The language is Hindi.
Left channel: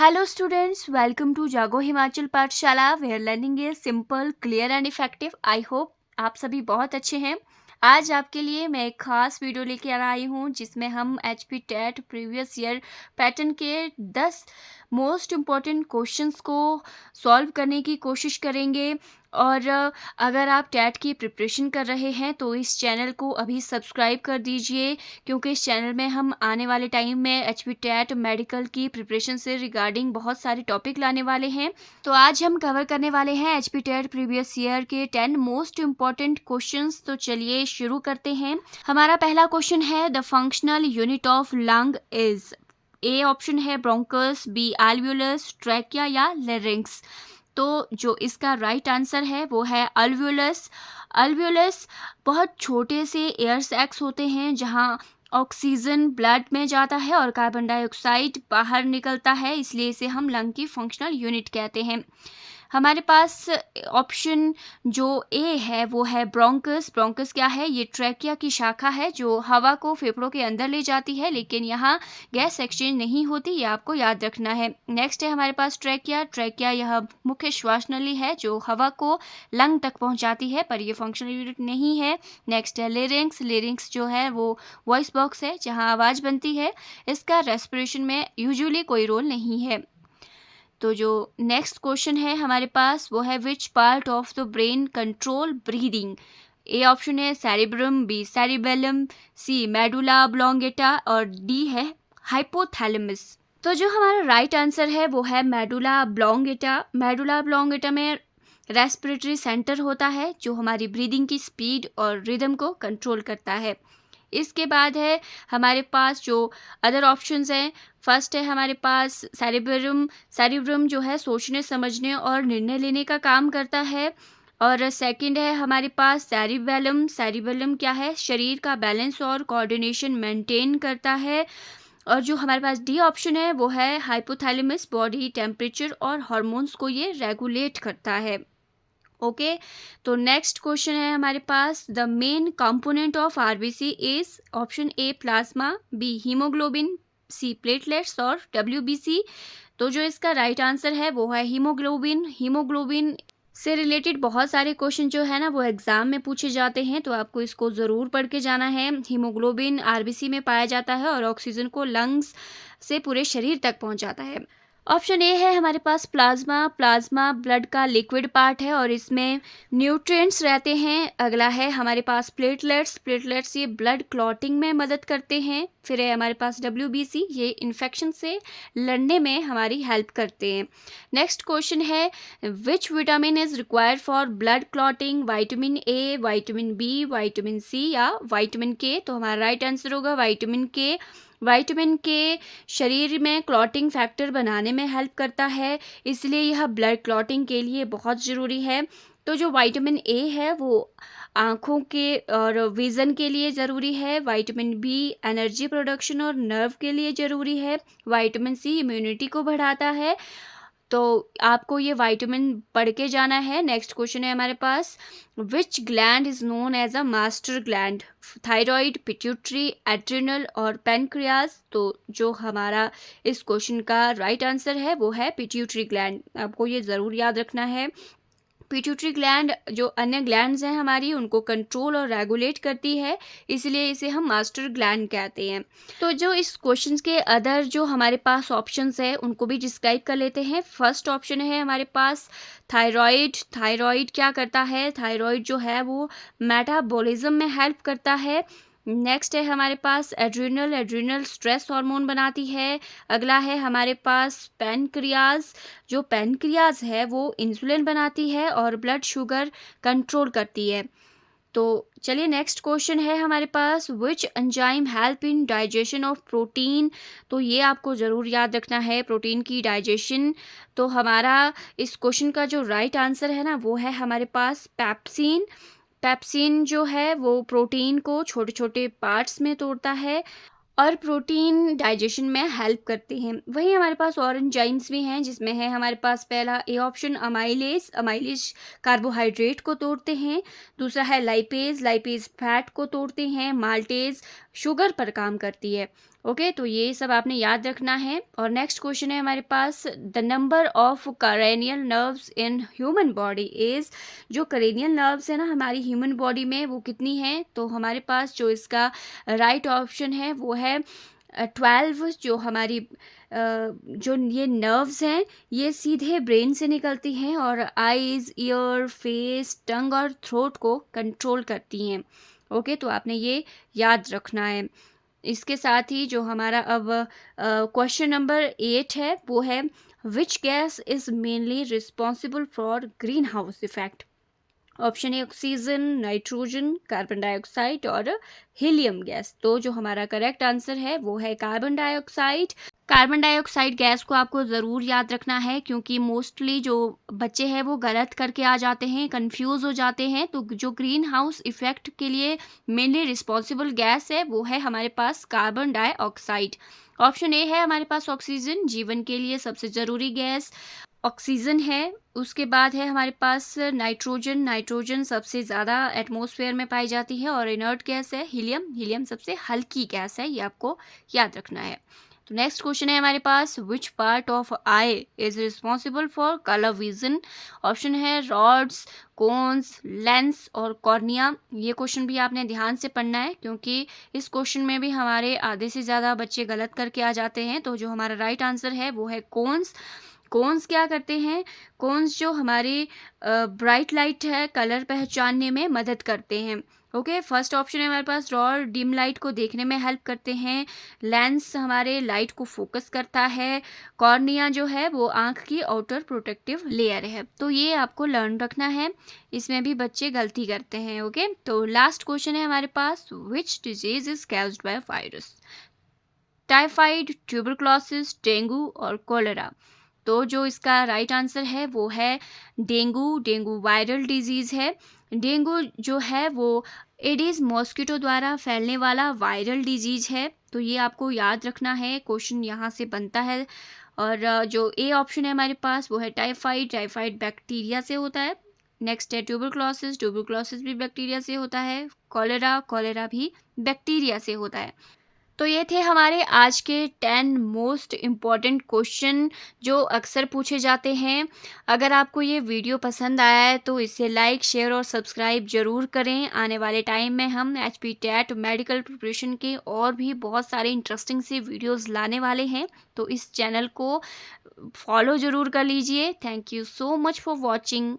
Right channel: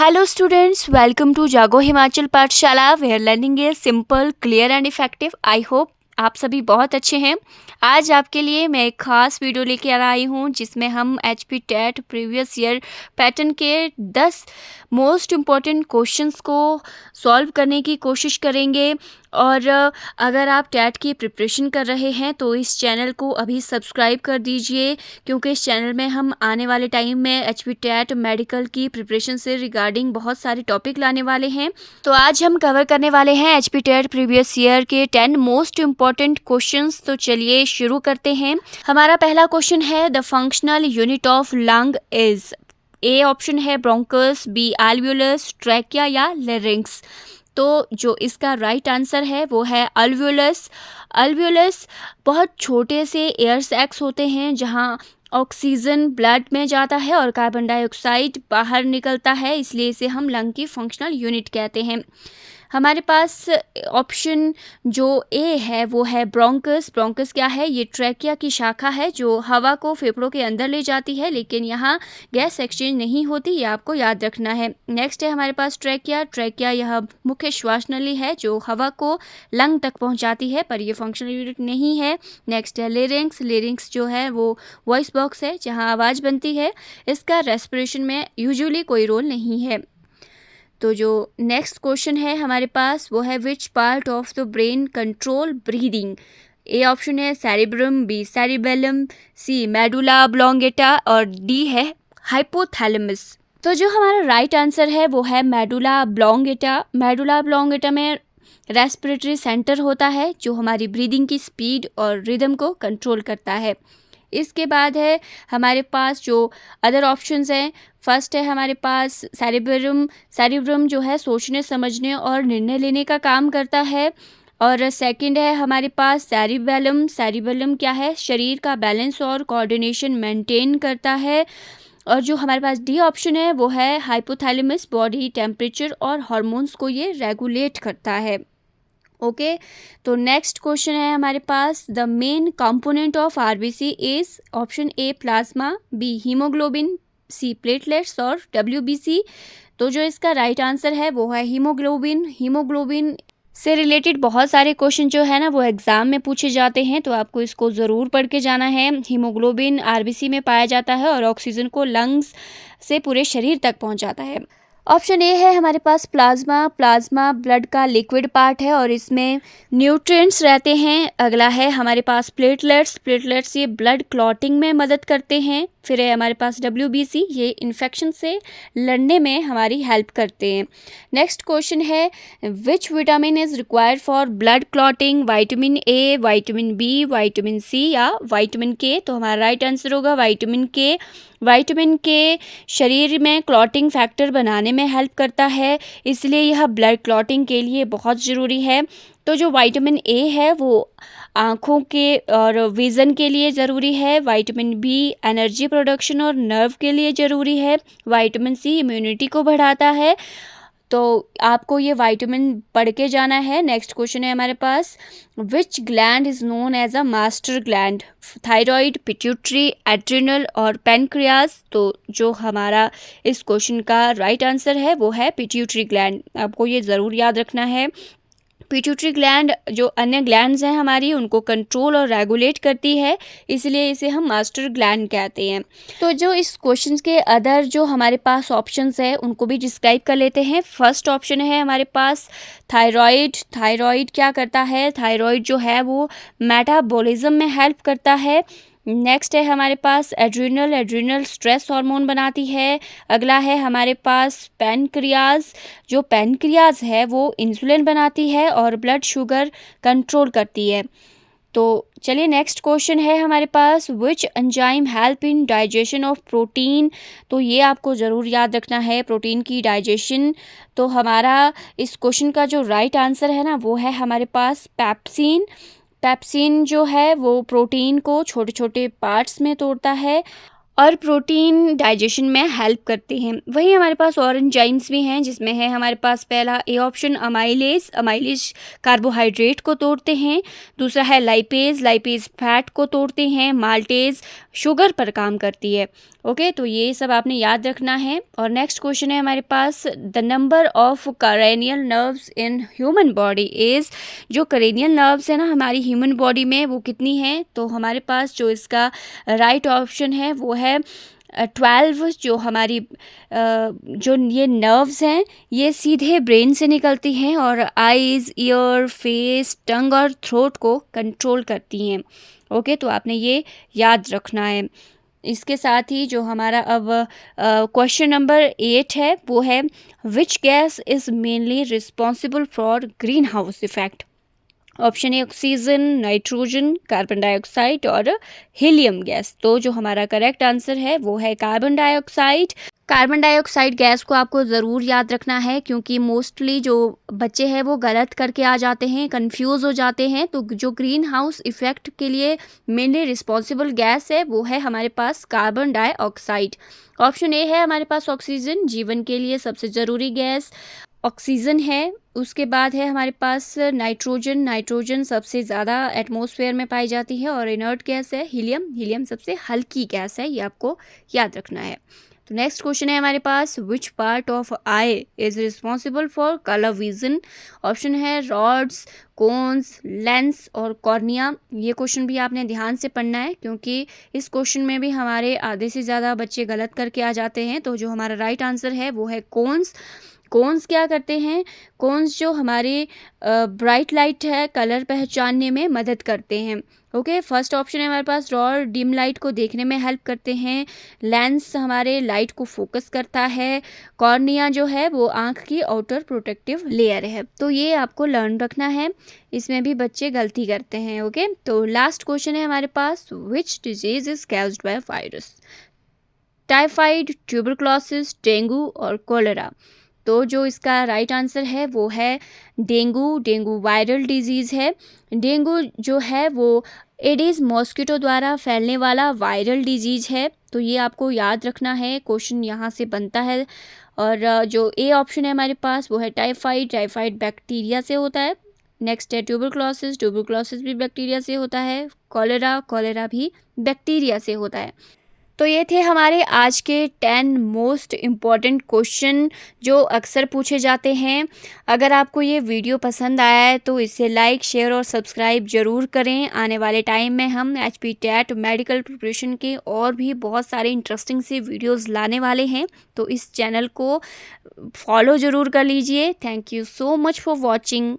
Hello students, welcome to Jago Himachal Pathshala where learning is simple, clear and effective. I hope आप सभी बहुत अच्छे हैं। आज आपके लिए मैं एक खास वीडियो लेकर आई हूँ जिसमें हम HP TET previous year pattern के 10 मोस्ट इम्पॉर्टेंट क्वेश्चंस को सॉल्व करने की कोशिश करेंगे। और अगर आप टेट की प्रिपरेशन कर रहे हैं तो इस चैनल को अभी सब्सक्राइब कर दीजिए, क्योंकि इस चैनल में हम आने वाले टाइम में एचपी टेट मेडिकल की प्रिपरेशन से रिगार्डिंग बहुत सारे टॉपिक लाने वाले हैं। तो आज हम कवर करने वाले हैं एचपी टेट प्रीवियस ईयर के 10 मोस्ट इम्पॉर्टेंट क्वेश्चंस। तो चलिए शुरू करते हैं। हमारा पहला क्वेश्चन है, the functional unit of lung is. A option है ब्रोंकस, बी एल्वियोलस, ट्रैकिया या लेरिंक्स। तो जो इसका राइट आंसर है वो है अल्वियोलस। अल्वियोलस बहुत छोटे से एयर सैक्स होते हैं जहां ऑक्सीजन ब्लड में जाता है और कार्बन डाइऑक्साइड बाहर निकलता है, इसलिए इसे हम लंग की फंक्शनल यूनिट कहते हैं। हमारे पास ऑप्शन जो ए है वो है ब्रोंकस। ब्रोंकस क्या है? ये ट्रैकिया की शाखा है जो हवा को फेफड़ों के अंदर ले जाती है, लेकिन यहाँ गैस एक्सचेंज नहीं होती, ये आपको याद रखना है। नेक्स्ट है हमारे पास ट्रैकिया। ट्रैकिया यह मुख्य श्वास नली है जो हवा को लंग तक पहुँचाती है, पर यह फंक्शनल यूनिट नहीं है। नेक्स्ट है लेरिंक्स। लेरिंक्स जो है वो वॉइस बॉक्स है जहाँ आवाज़ बनती है, इसका रेस्पिरेशन में यूजुअली कोई रोल नहीं है। तो जो नेक्स्ट क्वेश्चन है हमारे पास वो है, विच part of the brain control breathing. A option है सेरिब्रम, बी सेरिबेलम, सी मेडुला ऑब्लोंगेटा और डी है हाइपोथैलेमस। तो जो हमारा राइट आंसर है वो है मेडुला ऑब्लोंगेटा। मेडुला ऑब्लोंगेटा में रेस्पिरेटरी सेंटर होता है जो हमारी ब्रीदिंग की स्पीड और रिदम को कंट्रोल करता है। इसके बाद है हमारे पास जो अदर ऑप्शंस हैं। फर्स्ट है हमारे पास सेरिब्रम। सेरिब्रम जो है सोचने समझने और निर्णय लेने का काम करता है। और सेकंड है हमारे पास सेरिबेलम। सेरिबेलम क्या है? शरीर का बैलेंस और कोऑर्डिनेशन मेंटेन करता है। और जो हमारे पास डी ऑप्शन है वो है हाइपोथैलेमस। बॉडी टेम्परेचर और हार्मोन्स को ये रेगुलेट करता है। ओके तो नेक्स्ट क्वेश्चन है हमारे पास, the main component of RBC is. Option A plasma, B haemoglobin, C platelets और डब्ल्यूबीसी। तो जो इसका राइट आंसर है वो है हीमोग्लोबिन। हीमोग्लोबिन से रिलेटेड बहुत सारे क्वेश्चन जो है ना वो एग्जाम में पूछे जाते हैं, तो आपको इसको ज़रूर पढ़ के जाना है। हीमोग्लोबिन आरबीसी में पाया जाता है और ऑक्सीजन को लंग्स से पूरे शरीर तक पहुंचाता है। ऑप्शन ए है हमारे पास प्लाज्मा। प्लाज्मा ब्लड का लिक्विड पार्ट है और इसमें न्यूट्रिएंट्स रहते हैं। अगला है हमारे पास प्लेटलेट्स। प्लेटलेट्स ये ब्लड क्लॉटिंग में मदद करते हैं। फिर है हमारे पास डब्ल्यूबीसी, ये इन्फेक्शन से लड़ने में हमारी हेल्प करते हैं। नेक्स्ट क्वेश्चन है, which vitamin is required for blood clotting. Vitamin A, vitamin B, vitamin C या विटामिन के। तो हमारा राइट आंसर होगा विटामिन के। विटामिन के शरीर में क्लॉटिंग फैक्टर बनाने में हेल्प करता है, इसलिए यह ब्लड क्लॉटिंग के लिए बहुत ज़रूरी है। तो जो विटामिन ए है वो आँखों के और विज़न के लिए ज़रूरी है। विटामिन बी एनर्जी प्रोडक्शन और नर्व के लिए ज़रूरी है। विटामिन सी इम्यूनिटी को बढ़ाता है। तो आपको ये विटामिन पढ़ के जाना है। नेक्स्ट क्वेश्चन है हमारे पास, which gland is known as a master gland. Thyroid, pituitary, adrenal और पेनक्रियाज। तो जो हमारा इस क्वेश्चन का राइट आंसर है वो है पिट्यूटरी ग्लैंड। आपको ये ज़रूर याद रखना है। पिट्यूटरी ग्लैंड जो अन्य ग्लैंड्स हैं हमारी उनको कंट्रोल और रेगुलेट करती है, इसलिए इसे हम मास्टर ग्लैंड कहते हैं। तो जो इस क्वेश्चन के अदर जो हमारे पास ऑप्शंस है उनको भी डिस्क्राइब कर लेते हैं। फर्स्ट ऑप्शन है हमारे पास थायराइड। थायराइड क्या करता है? थायराइड जो है वो मेटाबॉलिज्म में हेल्प करता है। नेक्स्ट है हमारे पास एड्रिनल। एड्रिनल स्ट्रेस हार्मोन बनाती है। अगला है हमारे पास पैनक्रियाज। जो पैनक्रियाज है वो इंसुलिन बनाती है और ब्लड शुगर कंट्रोल करती है। तो चलिए नेक्स्ट क्वेश्चन है हमारे पास, which enzyme help in digestion of protein. तो ये आपको ज़रूर याद रखना है, प्रोटीन की डाइजेशन। तो हमारा इस क्वेश्चन का जो राइट आंसर है ना वो है हमारे पास पेप्सिन। पेप्सिन जो है वो प्रोटीन को छोटे छोटे पार्ट्स में तोड़ता है और प्रोटीन डाइजेशन में हेल्प करते हैं। वहीं हमारे पास और एंजाइम्स भी हैं, जिसमें है हमारे पास पहला A option amylase. Amylase carbohydrate को तोड़ते हैं। दूसरा है लाइपेज। लाइपेज फैट को तोड़ते हैं। माल्टेज शुगर पर काम करती है। ओके, तो ये सब आपने याद रखना है। और नेक्स्ट क्वेश्चन है हमारे पास, the number of cranial nerves in human body is, जो करेनियल नर्व्स है ना हमारी ह्यूमन बॉडी में, वो कितनी हैं? तो हमारे पास जो इसका राइट ऑप्शन है वो है 12। जो हमारी जो ये नर्व्स हैं ये सीधे ब्रेन से निकलती हैं और आईज़, ईयर, फेस, टंग और थ्रोट को कंट्रोल करती हैं। ओके, तो आपने ये याद रखना है। इसके साथ ही जो हमारा अब क्वेश्चन नंबर 8 है वो है, which gas is mainly responsible for green house effect? Option A oxygen, nitrogen, carbon dioxide और हीलियम गैस। तो जो हमारा करेक्ट आंसर है वो है carbon dioxide. Carbon dioxide gas को आपको ज़रूर याद रखना है, क्योंकि मोस्टली जो बच्चे हैं वो गलत करके आ जाते हैं, कंफ्यूज हो जाते हैं। तो जो ग्रीन हाउस इफ़ेक्ट के लिए मेनली रिस्पॉन्सिबल गैस है वो है हमारे पास कार्बन डाइऑक्साइड। ऑप्शन ए है हमारे पास ऑक्सीजन, जीवन के लिए सबसे ज़रूरी गैस ऑक्सीजन है। उसके बाद है हमारे पास नाइट्रोजन, नाइट्रोजन सबसे ज़्यादा एटमॉस्फेयर में पाई जाती है। और इनर्ट गैस है हीलियम, हीलियम सबसे हल्की गैस है, ये आपको याद रखना है। तो नेक्स्ट क्वेश्चन है हमारे पास, which part of eye is responsible for colour vision? Option है रॉड्स, कोन्स, लेंस और कॉर्निया। ये क्वेश्चन भी आपने ध्यान से पढ़ना है, क्योंकि इस क्वेश्चन में भी हमारे आधे से ज़्यादा बच्चे गलत करके आ जाते हैं। तो जो हमारा राइट आंसर है वो है कोन्स। कोन्स क्या करते हैं? कोन्स जो हमारी ब्राइट लाइट है कलर पहचानने में मदद करते हैं। ओके, फर्स्ट ऑप्शन है हमारे पास रॉड, डिम लाइट को देखने में हेल्प करते हैं। लेंस हमारे लाइट को फोकस करता है। कॉर्निया जो है वो आँख की आउटर प्रोटेक्टिव लेयर है। तो ये आपको लर्न रखना है, इसमें भी बच्चे गलती करते हैं। ओके, तो लास्ट क्वेश्चन है हमारे पास, which disease is caused by virus? Typhoid, tuberculosis, dengue और कोलेरा। तो जो इसका राइट आंसर है वो है डेंगू। डेंगू वायरल डिजीज़ है। डेंगू जो है वो एडिस मॉस्किटो द्वारा फैलने वाला वायरल डिजीज़ है। तो ये आपको याद रखना है, क्वेश्चन यहाँ से बनता है। और जो ए ऑप्शन है हमारे पास वो है टाइफाइड, टाइफाइड बैक्टीरिया से होता है। नेक्स्ट है ट्यूबरक्लोसिस, ट्यूबरक्लोसिस भी बैक्टीरिया से होता है। कॉलेरा, कॉलेरा भी बैक्टीरिया से होता है। तो ये थे हमारे आज के 10 मोस्ट इम्पॉर्टेंट क्वेश्चन जो अक्सर पूछे जाते हैं। अगर आपको ये वीडियो पसंद आया है तो इसे लाइक, शेयर और सब्सक्राइब ज़रूर करें। आने वाले टाइम में हम HP टेट मेडिकल प्रिपरेशन के और भी बहुत सारे इंटरेस्टिंग से वीडियोस लाने वाले हैं, तो इस चैनल को फॉलो ज़रूर कर लीजिए। Thank you so much for watching.